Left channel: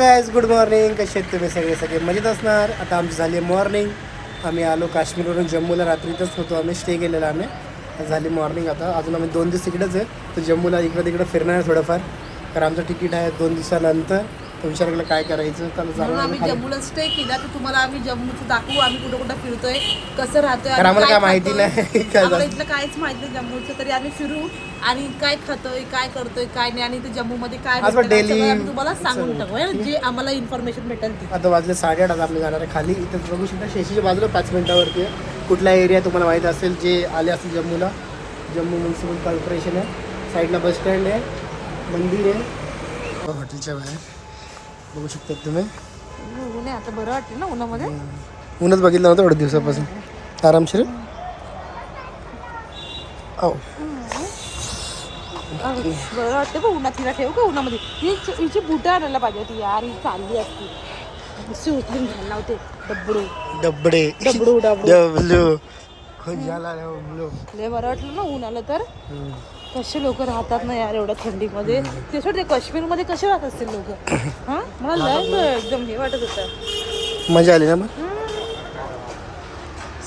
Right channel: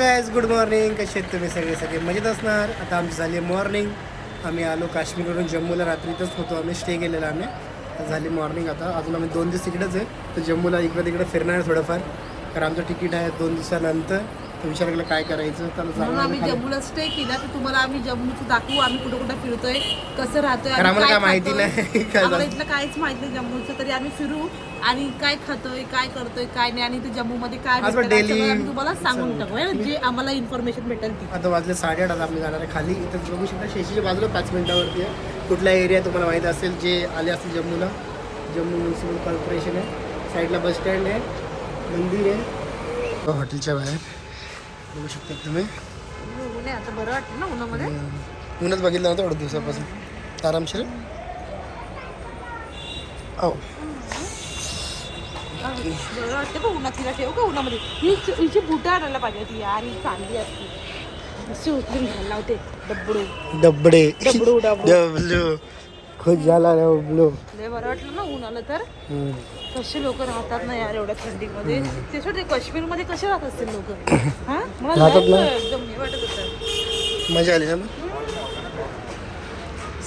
Guys good morning कसे आहेत तुम्ही सगळे? सगळे मजेत असणार? आता आमची झाली मॉर्निंग आम्ही आलो काश्मीरवरून जम्मूला. रात्रीतच होतो आम्ही. स्टे केलेला आम्ही. झाली मॉर्निंग आता. अजून आम्ही दोन दिवस तिकडेच आहे. तर जम्मूला इकडं तिकडं फिरणार आहे थोडंफार. कारण आमचं तिकीट आहे दोन दिवसानंतर. तर विचार केला काय करायचं? तर म्हणून आम्ही खाली- जम्मूला स्टे केला. तर तुम्हाला आम्ही जम्मूचं दाखवू आम्ही कुठं कुठं फिरतोय कसं राहतोय कारण आम्हाला काय माहिती. नाही काय आम्हाला. इथलं काहीच माहिती नाही जम्मूचं. तरी आम्ही फिरू आणि काय खातोय काय करतोय काय नाही आणि काय आज भेटतं, daily- सगळं आम्ही तुम्हाला सांगून टाकू हे, जे आम्हाला इन्फॉर्मेशन भेटेल ती. आता वाजले साडेआठ आता आम्ही जाणार आहे खाली. इथं बघू शकता शेशीच्या बाजूला पाच मिनिटावरती आहे. कुठला एरिया तुम्हाला माहीत असेल जे आले असेल जम्मूला. जम्मू म्युन्सिपल कॉर्पोरेशन आहे. साईडला बस स्टँड आहे. मंदिर आहे. हॉटेलच्या बाहेर. बघू शकता तुम्ही. ऊनच बघितलं नव्हतं एवढ्या दिवसापासून. आरामशीर हो बरं वाटतं उन्हात तिला ठेव का उन्हामध्ये? ही हिची बुटं आणायला पाहिजे होती यार ही चांगली असती. नुसती उचलून डबडे. डबडू. डबडू डबलू. खूप झाला लय बरं वाटलं ना ऊन आलं तर कसे लोक राहतात ना यार एवढ्या थंडीमध्ये? ते ते काश्मीरमध्ये कसे राहत असतील लोक? हा? मला एकदम हे वाटत होतं. मजा आली ना मग?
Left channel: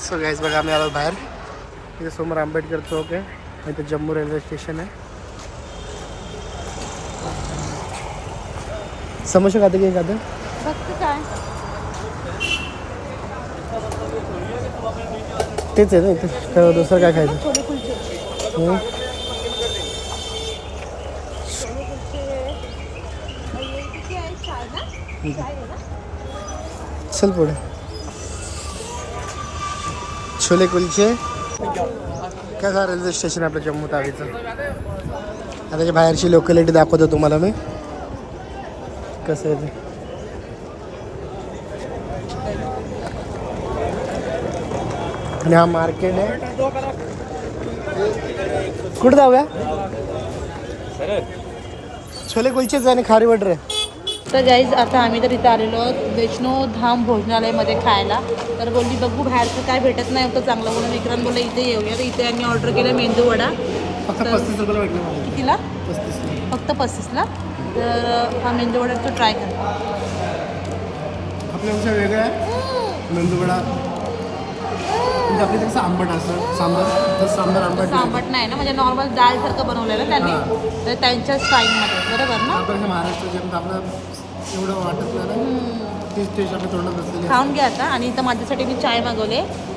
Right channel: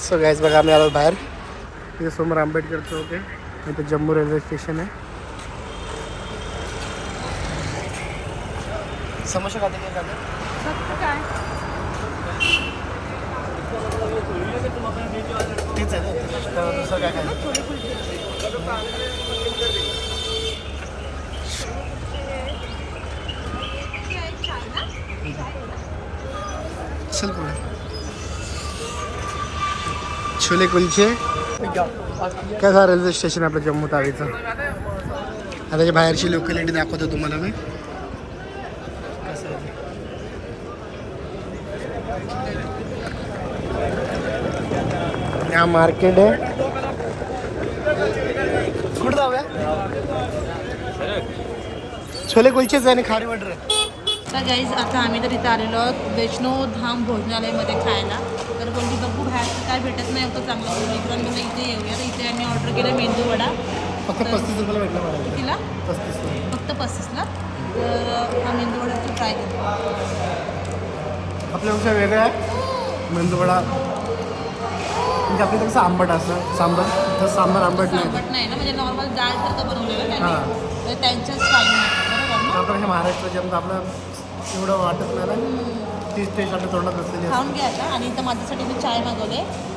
सो गाईज बघा आम्ही आलो बाहेर. तिथे समोर आंबेडकर चौक आहे. इथे जम्मू रेल्वे स्टेशन आहे. समोसे खाते की काय? तेच आहे ना दुसरं काय खायचं? चल पुढे. छोले कुलचे. काय रेल्वे स्टेशन आपलं जम्मू तावीचं? आता त्याच्या बाहेरची लोकॅलिटी दाखवतो तुम्हाला मी. कसं आहे ते. आणि हा मार्केट आहे. कुठं जाऊया? छोले कुलचेच आणि खारी वटर आहे तर गाईज आता आम्ही तर इथं आलेलो आहोत वैष्णो धाम भोजनालयमध्ये खायला. तर बोलली बघू बाहेरचं काय भेटत नाही होतं चांगलं. म्हणून विक्रांत बोलला इथे येऊया. तर इथे आम्ही ऑर्डर केलं मेंदू वडा. फक्त पस्तीस रुपयाला भेटला मला. कितीला? पस्तीस फक्त पस्तीसला तर हा मेंदू वडा तो ट्राय करा. आपल्यापेक्षा वेगळं आहे. मेंदूवडा म्हणजे आपल्या कसं आंबट असतं सांबर? तर सांबर आंबट नाही. आंबट नाही ना म्हणजे नॉर्मल डाळसारखं बनवलेलं त्यांनी. तर त्यांच्या स्टाईलमध्ये बरोबर ना? आपल्या महाराष्ट्राचे आपलं एवढं वाटत नाही तीच टेस्ट आपल्या तोंडात बसलेली खाऊन घ्या आता. आणि इथं माझ्यासाठी मी चाय मागवले.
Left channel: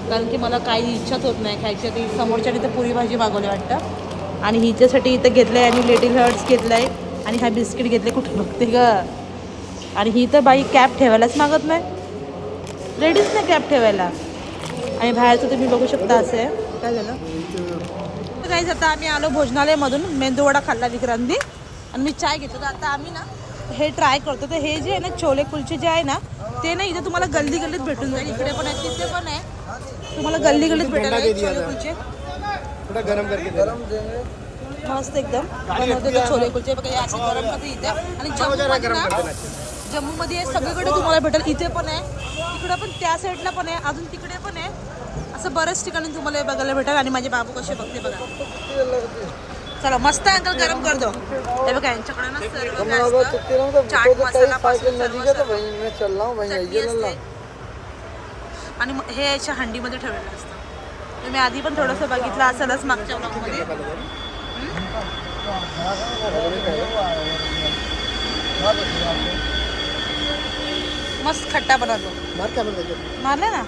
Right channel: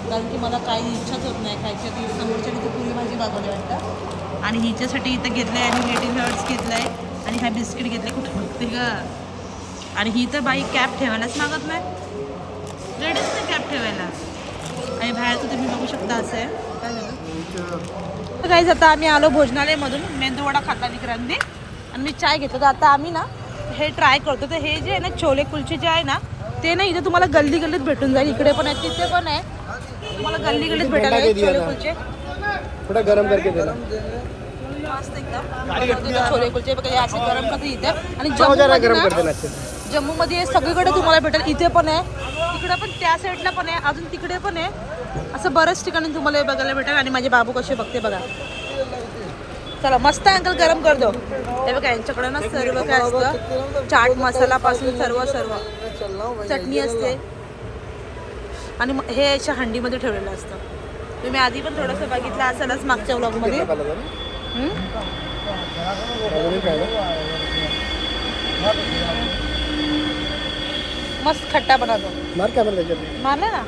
कारण की मला काही इच्छाच होत नाही खायची. ती समोरच्या इथं पुरी भाजी मागवली वाटतं. आणि हिच्यासाठी इथं घेतलं आहे आणि लिटिल हर्ट्स घेतलं आहे आणि हा बिस्किट घेतले. कुठं बघते ग? आणि ही तर बाई कॅप ठेवायलाच मागत नाही. लेडीज नाही कॅप ठेवायला. आणि बाहेरचं तुम्ही बघू शकता असं. आहे काय झालं? काहीच आता आम्ही आलो भोजनालयमधून. मेंदूवडा खाल्ला विक्रांती. आणि मी चाय घेतलं. तर आता आम्ही ना हे ट्राय करतो. तर हे जे आहे ना छोले कुलचे जे आहे ना ते ना इथे तुम्हाला गल्ली गल्लीत भेटून जाईल. इकडे पण आहे तिथे पण आहे. तुम्हाला गल्ली गल्लीत भेटायला छोले. कुलचे. थोडा गरम करके दे मस्त एकदम. छोले कुलचे बघा हे असे गरम करते इथे. आणि जम्मूमध्ये गरम ना जम्मूमध्ये सगळीकडे तुम्हाला भेटेल. इथे पण आहे. तिकडे पण त्या साईडला पण आहे. अजून तिकडे पण आहे. असं बऱ्याच ठिकाणी तुम्हाला हे बघायला भेटेल. आणि माझे बाबू कसे बघते बघा. चला मस्त अंकल गरम कर दो. हे बघा यांच्याकडे ना सर्व काय असतं. चाट मसाला पासून सर्व सर्व. चटणी असते. आणि हे याच्या हंडीमध्ये ठेवलेलं असतं. तुम्ही आधी पण थोडंसं बघितलं असेलच मागच्या व्लॉगमध्ये. हम्म? मस्त खट्टा बनवतो? मारले ना?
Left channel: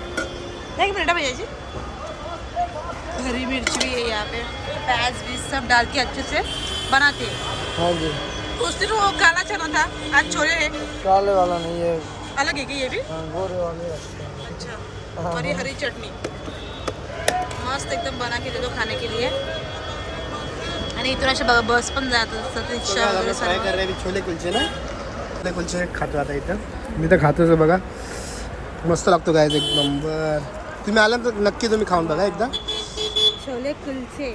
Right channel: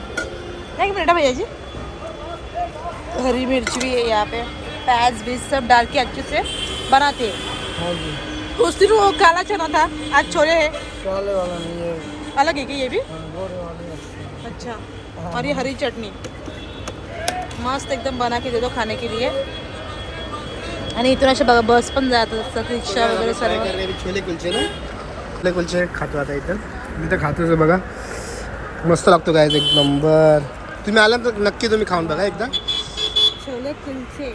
एक मिनट भैया जी हरी मिर्च भी है यहाँ पे. प्याज भी सब डाल के अच्छे से बनाते. हैं उस दिन वो काला चना था आज छोले है काले वाला नहीं है अलग है क्या ये भी। अच्छा और ये हरी चटनी मस्त एकदम बना के दे दो खाने के लिए आणि इथून अशा बघा बस पण जात असतात रिक्षा वगैरे सर्व हैं? छोले कुलचे ना छोले कुलचे खातो आता इथं. मी तर खातोच बघा. मस्त लागतो काय एक नंबर तुम्ही आला तर नक्की तुम्ही खाऊन बघा एकदा. छोले कुलचे.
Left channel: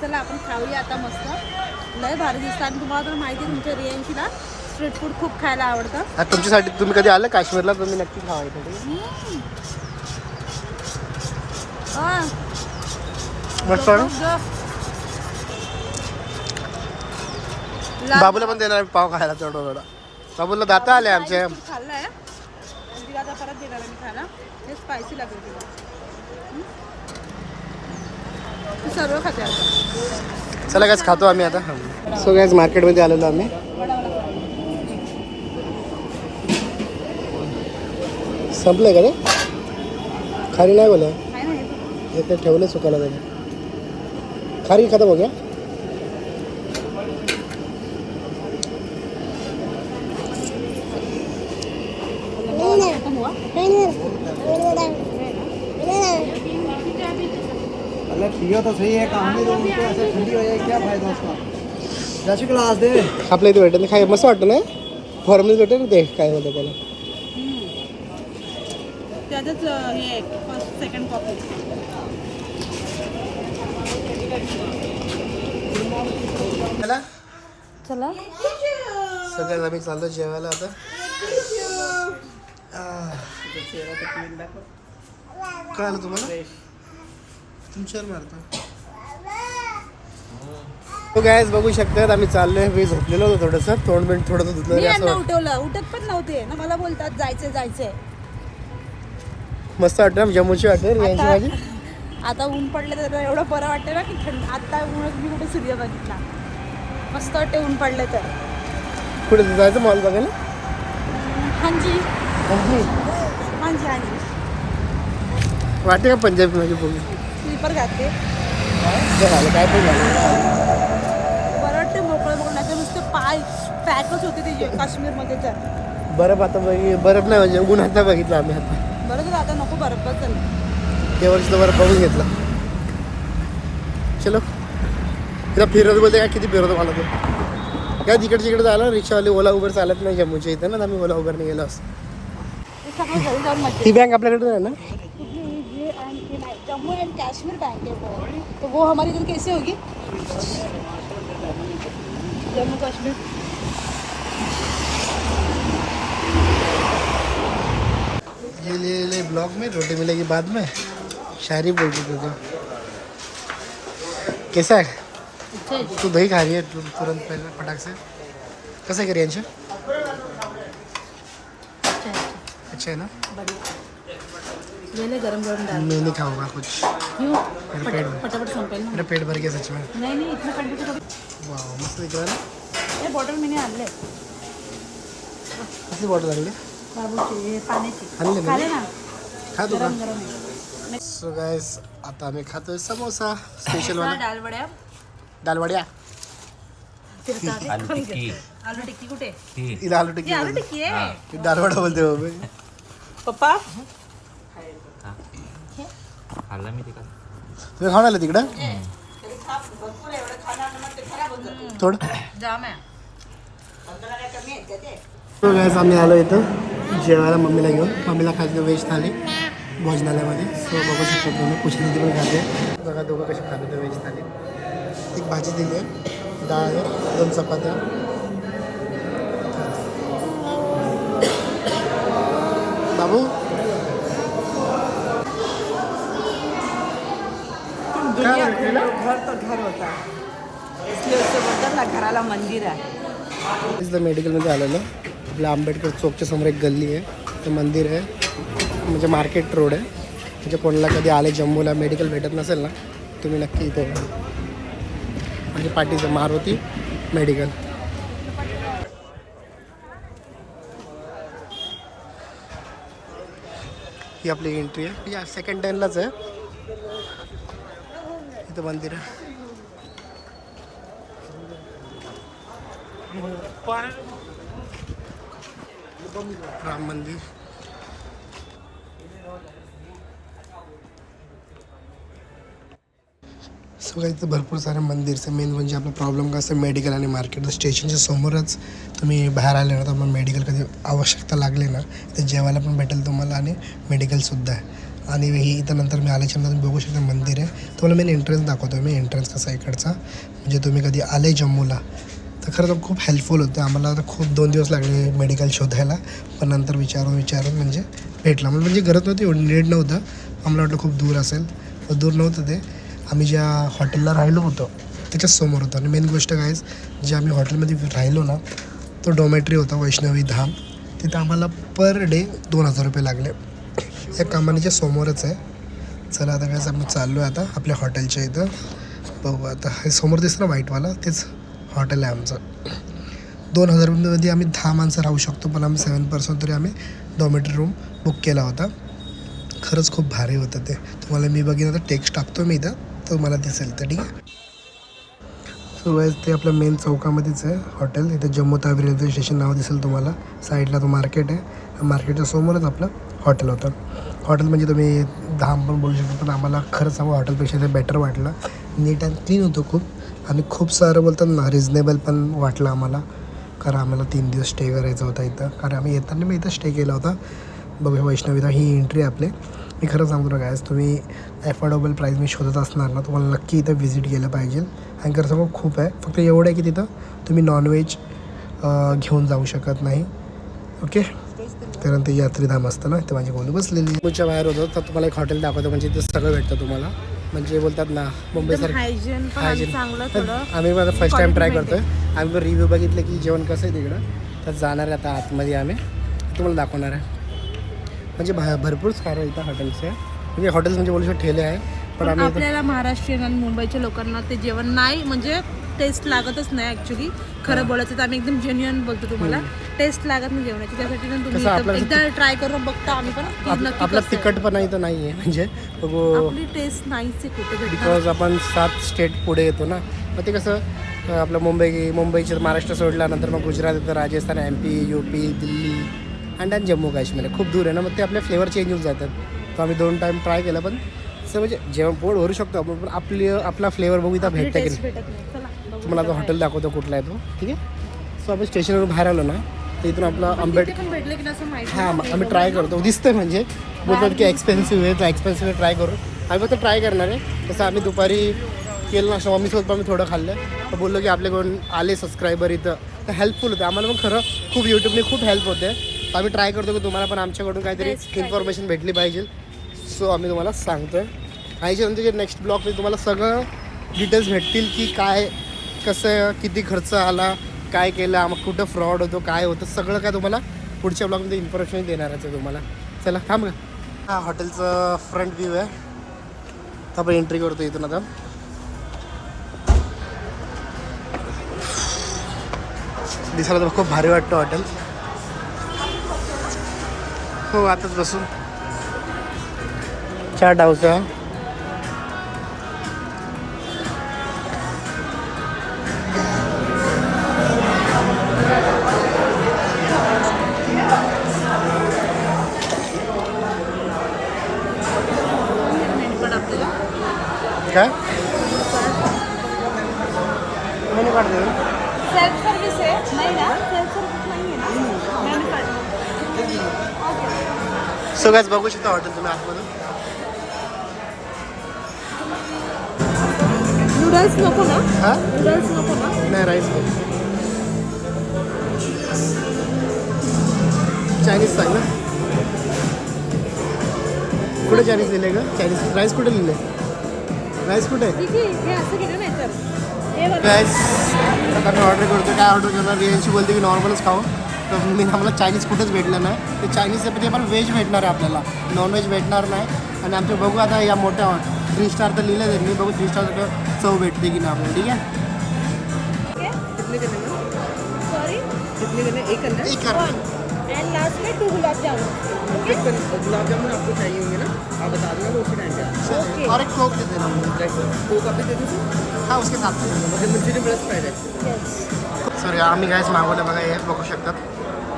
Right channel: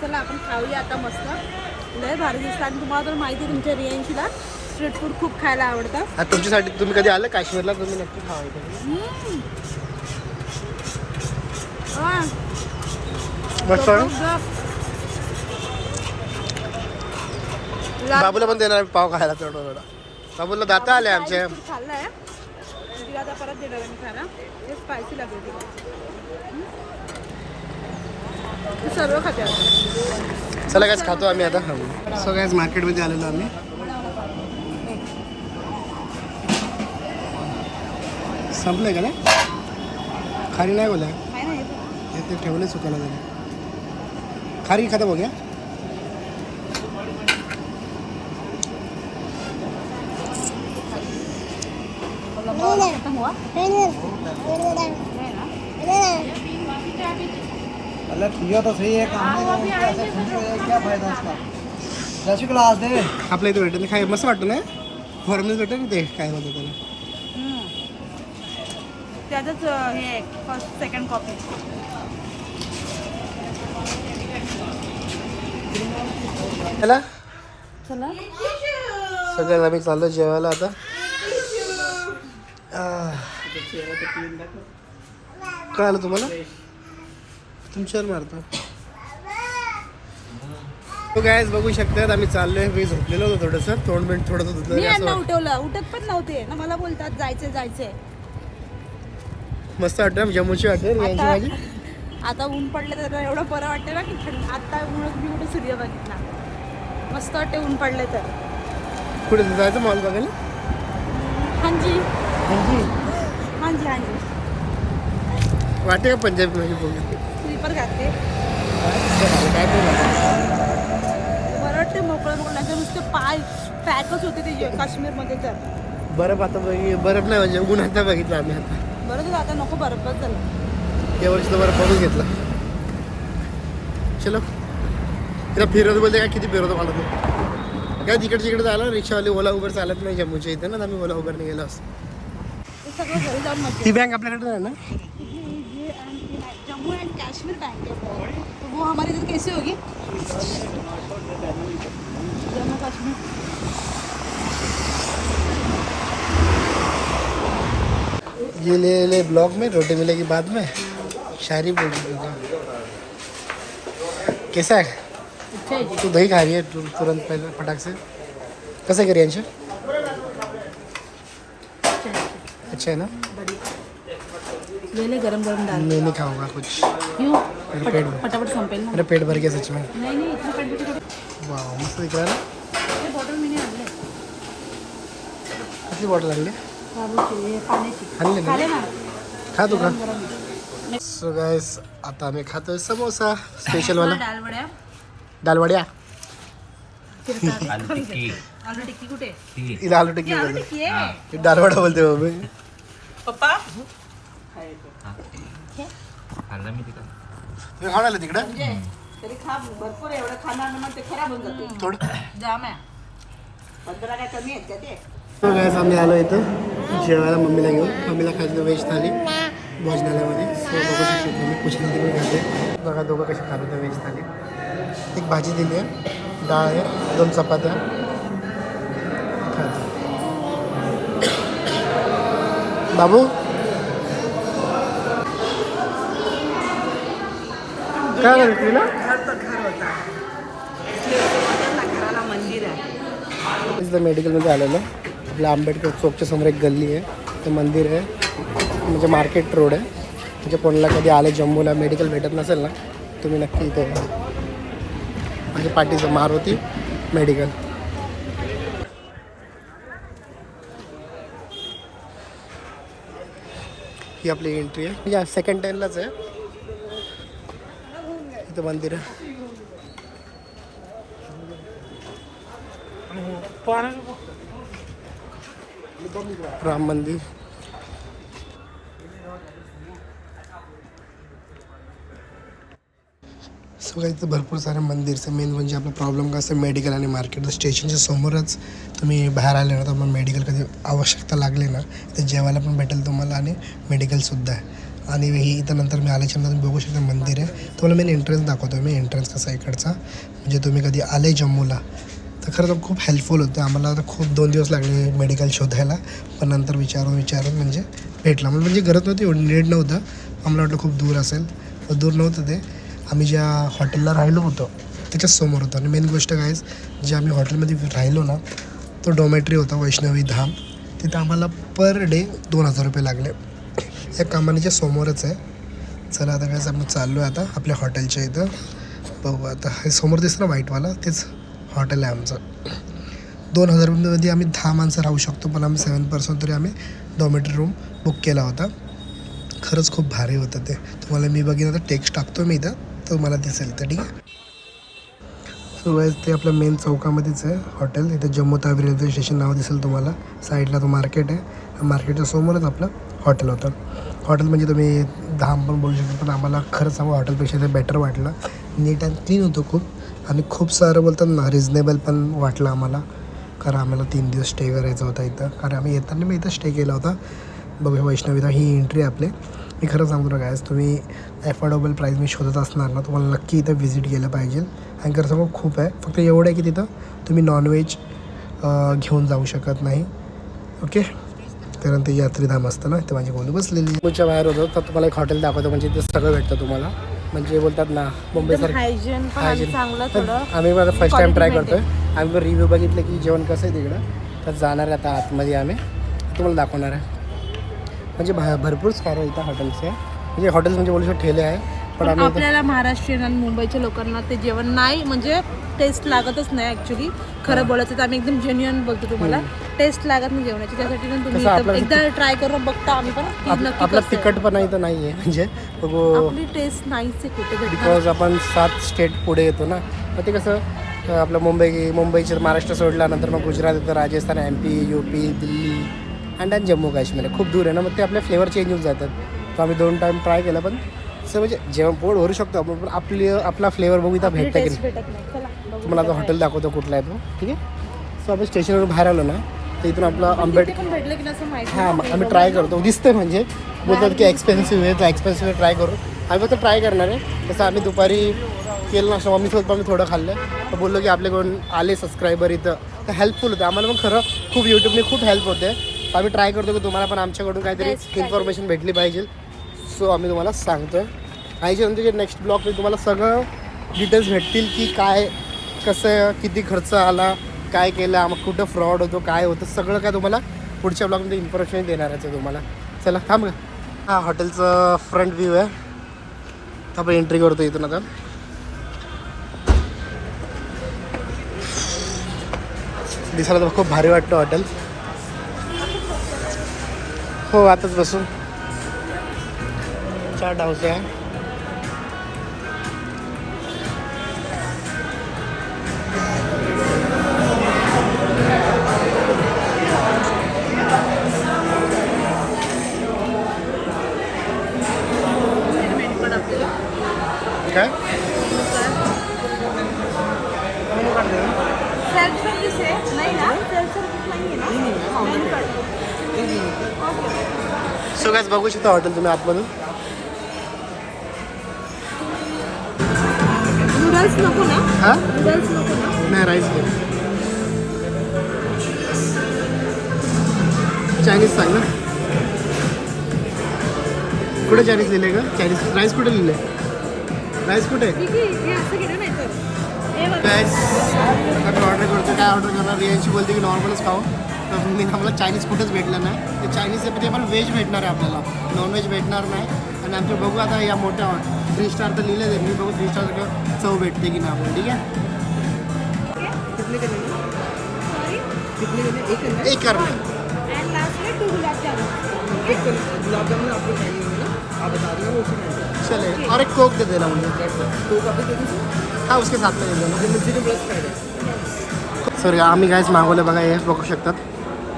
चला आपण खाऊया आता मस्त. लय भारी दिसतं आणि तुम्हाला तर माहिती आहे तुमच्या रियांशीला स्ट्रीट फूड खूप खायला आवडतं तुमच्यासाठी तुम्ही कधी आलं काश्मीरला तुम्ही नक्की खावा. हम्म. आ, मस्त आहे ना? जबरदस्त. ला- बाबूला पण देणार आहे पाव खायला तेवढा थोडा बाबूला दाता आले खाल्लाय आता परत दिलं मी खायला ते स्पायसी लागेल तुला? ती सर्व खाते चला कायच खातो आम्ही आता. सो कायच मार्केटमध्ये आलेलो आम्ही. संपलंय का रे? खारी नाही बोला ते ठेवले सुकायला त्याने खारी खाता बघ्या हो हुआ अलग पियो तो सही है काम में तो उनको ऐसे ठंडी हो जाएगी क्या फायदा उसका दस ग्लास दे। आपल्या इथे भेटत नाही काय मस्त वाटतं ना? फॉर्मल भेटत ना ते काय म्हणतात त्याला? त्यातच हे फर्स्ट सेकंड कॉपी त्याला चला. सगळ्यात आम्ही चाललो जेवायला आता. आह. काय आलं तुम्हाला? तुमच्यावर मारतो। तो गायच बघू शकतात आम्ही चाललोय मी झोपलेलो होतो थोडंसं तोंड बिंड थोडं धुतलं तरी असं वाटतं. उठवलं उठत पण नव्हते ना मला बोलतात जायचंय जायचंय. मस्त वाटतं जम्मूची यांची भाजी आता ऊन पडलं तर एवढं बरं वाटतं ना की थंड आता ऊनच मी कुठे सूर्य बघितला. मस्त वाटते ऊन पडलं तर. कुठे जायचं मॉल बघायला? हांजी. आणखी हांजी हांजी. वाटते का पंजाबी माझी बघू स्लीपर घातले. झालं काय पण झालं बरं वाटते मोकळं मोकळं नाही तर नुसतं पाय पॅकच होते ते काश्मीरमध्ये तर. बरफ आता बघी बरफ नाही म्हणजे ऊन आता बघितलं आम्ही आता. बरं झालं आता नको बरफच झालं. या वर्षी तर बरफ बघून घेतला. चलो. तिला फिरवतो बोलते काय किती फिरवतो मला ते? काय तिकडे तिकडे झालं रिक्षावाले ओला उबर चालत नाही जम्मूच्या इथं ना आम्ही ओला उबरने गेलो असतो. ते सगळं घरी जाऊन मजा ती बँक आपल्याकडे नाही ना? जम्मू एंड कश्मीर बैंक है वो। तो वो हमारी इधर कैसे होगी? जम्मू कश्मीर। ये ले ले ब्लॉग में रोटी मिलेगी बाद में। शायरी बोल रही थी तो कैसा है? अच्छा तू दही खा रही है तुरंत पहले फटाक से। कैसे करिए अच्छा है अच्छा है ना? ले ले गरम गरम डाल मैं नहीं खाऊंगा कुछ। क्यों? मेरा पेट में। फटाफट संपेल ना. मेरा पेट भर गया सच में। नहीं इतना पेट मस्त दिख रहा है ना? ये बॉटल मैंने आणले कसली बॉटल आणली बाबूची पाण्याची आणली ना खाले ना? खा तू का. सो गायस आता आम्ही खातोय समोसा। स्पेशल वाला। वड्या। दालवड्या आलू टिक्की। कुठे? इला आलू टिक्की ये आलू बोलते. टिक्की आहे ती दालवडा बोलते बाबा पप्पा तुम्ही खाऊन आले तिकडं? तरी खा भरपूर एवढं खाणार मग ते खराब होऊन जाते थोडं? जाम आहे पंधरा काय कमी आहेत ते? सो गायस आम्ही आलो इथं. जेवायला मम्मीला घेऊन. मम्मीला खायचं व्हेज थाली. भोजनालयामध्ये. सो बघू शकता तुम्ही पुष्णी पण खाते बघा दोघं कसे खाते तर व्हेज थाली. एक भाजी दिली आहे. डाळ आहे दोन चपात्या. बाबू? काय झालं तुला? घराला मंदिर आहे इथलं मेडिकलमध्ये आलेलं. आपल्या आंबेडकर चौकच्या समोर एक गल्ली आहे. ते मंदिर आहे. म्हणजे मार्केट रोड आहे. म्हणजे कोणाला कधी आले जम्मूला मेडिकल भेटत नसेल ना तुम्ही नक्की इथे या. म्हणजे पाठीचं मारुती मेडिकल ही आपली एंट्री आहे. म्हणजे सेकंड टेनलाच आहे. इथं मंदिर. आहे राम मंदिर. सो काही इथं भरपूर सारे मंदिरचं मेन म्हणजे आपला प्रॉब्लेम काय असं मेडिकल आणि मार्केट स्टेशनच्या समोरच तुम्ही बाहेर आले ना तर मग मेडिकल कधी आवश्यकता लागली ना तर जेवायला पण भेटेल तुम्हाला आणि मेडिकलसुद्धा आहे. आणि ही इथं नंतर मी आल्याच्यानंतर तुम्ही बघू शकता मंदिर आहे. तुम्हाला मेन एंट्रन्स दाखवतो मी एंट्रन्स कसा इकडचा. म्हणजे तुम्ही कधी आले जम्मूला तर खरं तर खूप हेल्पफुल होतं. आम्हाला तर खूप दोन दिवस लागले मेडिकल शोधायला. पण नंतर विचारून विचारून म्हणजे भेटला. मला म्हणजे गरज नव्हती एवढं नीट नव्हतं. आम्हाला वाटलं खूप दूर असेल. दूर नव्हतं ते. आम्ही ज्या हॉटेलला राहिलो होतो त्याच्याच समोर होतं. आणि मेन गोष्ट काय जे आम्ही हॉटेलमध्ये राहिलो ना तो डॉमेट्री होता वैष्णवी धाम. तिथं आम्हाला पर डे दोन हजार रुपये लागले. या कमानीच्या समोरच आहे. चला आता काय आपण चाललो आहे आता आपल्या हॉटेलच्या इथं. बघू आता. हे समोर दिसतं ना व्हाईटवाला? तेच हॉटेल आहे आमचं. दोन हजार रुपयामध्ये आम्ही दहा माणसं राहू शकतो पण आम्ही सेवन पर्सन तरी आम्ही डॉमेटरी रूम बुक केला होता. खरंच खूप भारी होतं ते. तुम्हाला मी बघितलं तर टेक्स्ट टाकतो मी इथं. तर मला दिसेल तर ठीक आहे. सो ते आपल्या मेन चौकामध्येच आहे हॉटेल. इथे जम्मू तावी रेल्वे स्टेशन नाव दिसेल तुम्हाला. साईडला तो मार्केट आहे. मार्केटच्या समोरच आपलं हॉटेल होतं. हॉटेल म्हणजे तुम्ही धाम पण बोलू शकता पण आम्हाला खरंच सांगू हॉटेलपेक्षा ते बेटर वाटलं. नीट अँड क्लीन होतं खूप. आणि खूप सारं बोलतात ना रिजनेबल पण वाटलं आम्हाला. कारण आम्हाला तीन दिवस स्टे करायचा होता इथं. कारण आम्ही येताना मी इथं स्टे केला होता. बघूया वैष्णवीला ही एंट्री आपले. मी खरं सांगतो ना गायस तुम्ही ॲफोर्डेबल प्राईज मी शोधत असणार ना तुम्हाला नक्की इथं व्हिजिट केलं पाहिजे. आणि खरं सांगू खूप आहे. फक्त एवढं आहे की तिथं तुम्ही नॉनव्हेज घेऊन जाऊ शकत नाही. ओके कारण ते यात्रीधाम असतं ना ते माझी गोंडी बसलेली मुंबईच्या बाहेर होतो तर तुम्हाला एक हॉटेल दाखवतो म्हणजे ते सगळं भेटतं तुम्हाला. म्हणजे बोलतात ना मुंबईसारखं हायजीन थोडं आम्ही माझा फर्स्ट टाइम ट्राय करतोय. आम्ही पण रिव्ह्यू बघितलं की जेवण कसं आहे तिकडं. तर जाणार आहे आता आतमध्ये आम्ही. तुम्हाला दाखवणार आहे. म्हणजे भा भरपूर सारं इथं हॉटेल्स आहे. म्हणजे हॉटेल्स म्हणजे बोलू शकतो ठेले आहे. पण आपल्याला महाराष्ट्रीयन आणि मुंबईच्या लोकांना ते जेवण नाही म्हणजे टेस्ट लागतच नाही ऍक्च्युली खरं. बोलायचं तर आम्ही एकदम जेन्युअन बोलतो तुम्हाला. टेस्ट लागत नाही जेवणाची. त्यासाठी ना तुम्ही कसं एकदा ट्राय करून बघता आम्ही पण. की आप- नक्की आपला कसं. आहे. तिखटपणा इथं नाही आहे म्हणजे आपली टेस्ट नाहीच आहे कुठे भेटणार. बिकॉज आपण सात स्टेट पुढे येतो ना. मग ते कसं अं, आपलं मुंबई मुंबईचे महाराष्ट्र सोडल्यानंतर मग गुजरात येतं Rajasthan M P U P Delhi त्यात जम्मू काश्मीर आहे खूप दूर आहे ना मग ते आपले फ्लेवर चेंज होऊन जातात. तर आम्ही दोन टाईम ट्राय केलं पण असं म्हणजे जेवण पोट भरू शकतो आपण पण आपली आपला फ्लेवर बघू इथं भेटतं की नाही? भेटत नाही. चला बघू तुम्हाला आता हॉटेल दाखवतो कुठला आहे तो. ठीक आहे? सो आपण स्टेशनवरून बाहेर आलो ना तर इथून आपला काय. आंबेड तिथे पण भेटले की नाही असं माहिती हां नाही. आम्ही ट्राय करतो. दिसतंय म्हणजे. बोलतात की एक्सपेन्सिव्ह आहे एक्सपेन्सिव्ह ट्राय करू. आम्ही फक्त ट्राय करणार आहे. तसं आम्ही दुपारी केलं ना मम्मीसोबत पण आम्ही थोडं खाल्लं. तर बोललो की आपल्याकडून आले सबस्क्रायबर इथं. तर हेल्पफुल होतं. आम्हाला पण खरं खूप यूट्यूबने खूप हेल्प होते. तर आम्ही ट्राय करतो की तुम्हाला पण आमच्याकडून काहीतरी Best काहीतरी. इन्फॉर्मेशन भेटली पाहिजे. सो आम्ही तुम्हाला सांगतोय. याच्यानंतर नेक्स्ट ब्लॉगमध्ये तुम्हाला सगळं डिटेल्स भेटतील की काय कसं किती खर्च आला काय केलं मग कुठं फ्रॉड होतो काय होतं सगळं काय तुम्हाला पुढच्या ब्लॉगमध्ये इन्फॉर्मेशन देणार आहे तुम्हाला. चला थांब का हां हॉटेलचं फ्रंट व्ह्यू आहे. आपण एंट्री करतो इथून आता. दिसायला तर खूप भारी वाटतं हॉटेल हो आताच बसून. चार आहे. देऊ सेल्फ सर्व्हिस आहे. नाही ना? सेल्फ सर्व्हिस नाही आहे. ना बघू शकता हॉटेल तुम्ही आतमधून? नूडल्स नको ना? हां? नूडल्स नको ना? नाही राईस चायनीज सांग ना? कुठे चायनीज लिहिले का चायनीज राईस कुठे लिहिले? राईस कुठे? हे असं केलं नाही तर. गॅस आता मी ऑर्डर करतो काय ऑर्डर करणार? रियांशी बोलते की नॉर्मलच खाऊ. तर मी आम्हाला चायनीज कुठेच भेटलं नाही. ते चायनीज ते पण व्हेज भेटणार आहे आपल्याला. नॉनव्हेज भेटणार नाही. आणि आमच्या बघू आता या मोठ्या थ्री स्टार तर लिहिलं त्यांनी बघू थ्री स्टार चव भेटते की नाही आपल्याला. ठीक आहे? एक करणार. एंड लास्ट में टू गुलाब जामुन एक कर- गुलाब जामुन आपको चाहिए होंगे ना? आप बता देना वो उसी टाइम पे चलिए और एक कोक दे देना मुझे। कब तक दे दीजिए हाँ उसके साथ में दे देना। मुझे फ्राइड है। सर आम्ही गॅस मागवलं बघा हे बघू शकतात.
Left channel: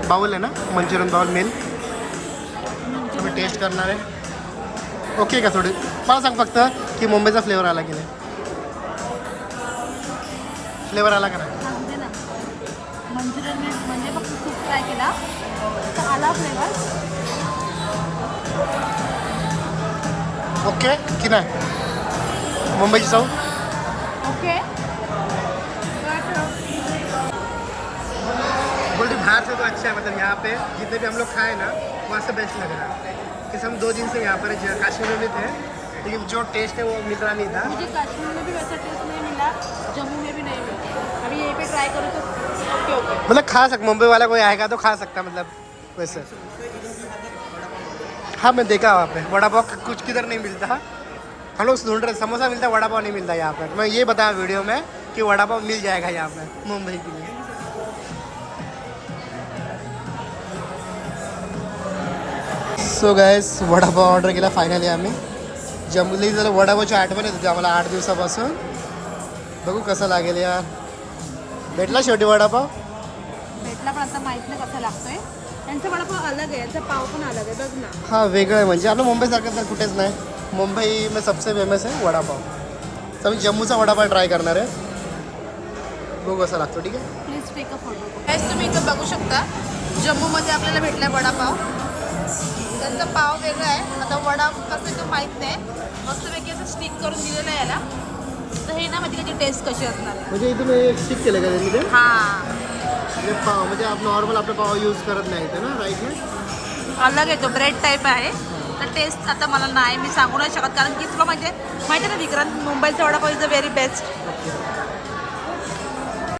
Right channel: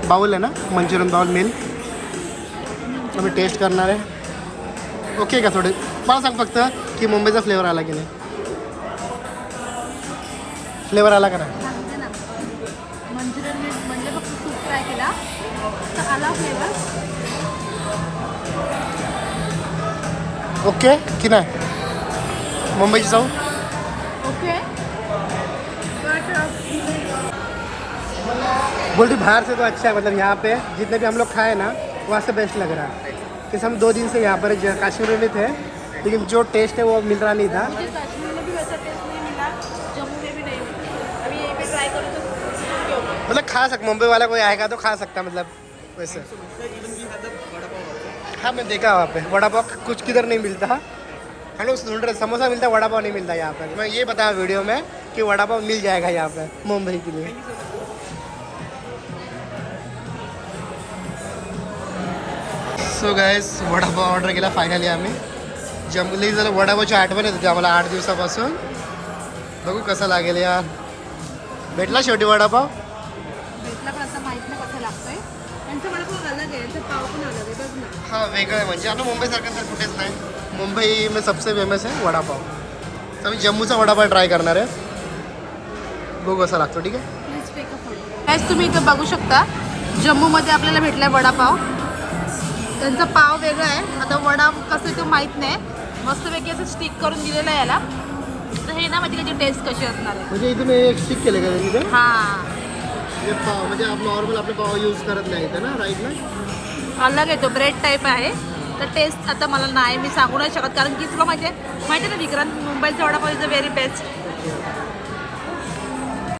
बाउल आहे ना? Manchurian bowl meal. आम्ही टेस्ट करणार आहे. ओके का थोडे? मला सांग फक्त की मुंबईचा फ्लेवर आला की नाही? फ्लेवर आला का नाही? फ्लेवर ओके की नाही मुंबईची जाऊ ओके। बोलती बाहर से तो अच्छा है मतलब यहाँ पे जितने भी हम लोग खाए ना वहाँ से बेस्ट लग रहा है। जैसे हम दो दिन से यहाँ पर काश्मीर में थे लेकिन जो टेस्ट है वो मिल रहा नहीं था। मुझे कश्मीर में भी वैसा टेस्ट नहीं मिला जम्मू में भी नहीं मिला। अभी यहीं पे ट्राई करूँ तो मतलब खा सक मुंबई वाला कोई आएगा तो खा सकता मतलब। वैसे। हाँ मैं देखा वहाँ पे। वड़ा पाव कुछ किधर नहीं मिलता। हम लोग ढूंढ रहे, समोसा मिलता, वड़ा पाव नहीं मिलता यहाँ पर मैं ये बताया वीडियो में कि वड़ा पाव मिल जाएगा यहाँ पे, मुंबई के लिए। सो गायस वडापाव ऑर्डर केला फायनली आम्ही जमली जर वडापावची आठवण येत होती आम्हाला आठ दिवसापासून। बघू कसं लागेल या भेटला शेवटी वडापाव भेटला पण आता माहित त्यांचा वडापाव अलग आहे यांचा पाव पण अलग आहे बघ ना. हाँ वेगळं म्हणजे आता मुंबईसारखं तर कुठेच नाही. मुंबई में सबसे फेमस आहे वडापाव. तर मी जम्मूचा वडापाव ट्राय करणार आहे. बघू कसा लागतो ठीक आहे? प्लीज टेक अ फोटो तुम्ही इथं बघू शकता जम्मूमध्ये आपल्याला भेटलाय वडापाव. त्यांचा पाव वेगळा आहे. आता वडा कसं तो माहीत नाही. मस्तपैकी असं स्टिक करून दिलेलं आहे याला. तर हे ना माझी त्याची टेस्ट कशी असणार आहे? म्हणजे इथून एक स्टिक केलं का तिथे हां. म्हणजे पाव म्हणजे नॉर्मल आपलं पाव यूज करत नाही इथं ना राईट ना? अलग येतो ब्रेड टाईप आहे. तर टेस्ट आता मला नाही मी सांगू नाही शकत कारण की तुला माहिती आहे माहिती आहे ना विक्रांत मुंबईचा vada pav is a very best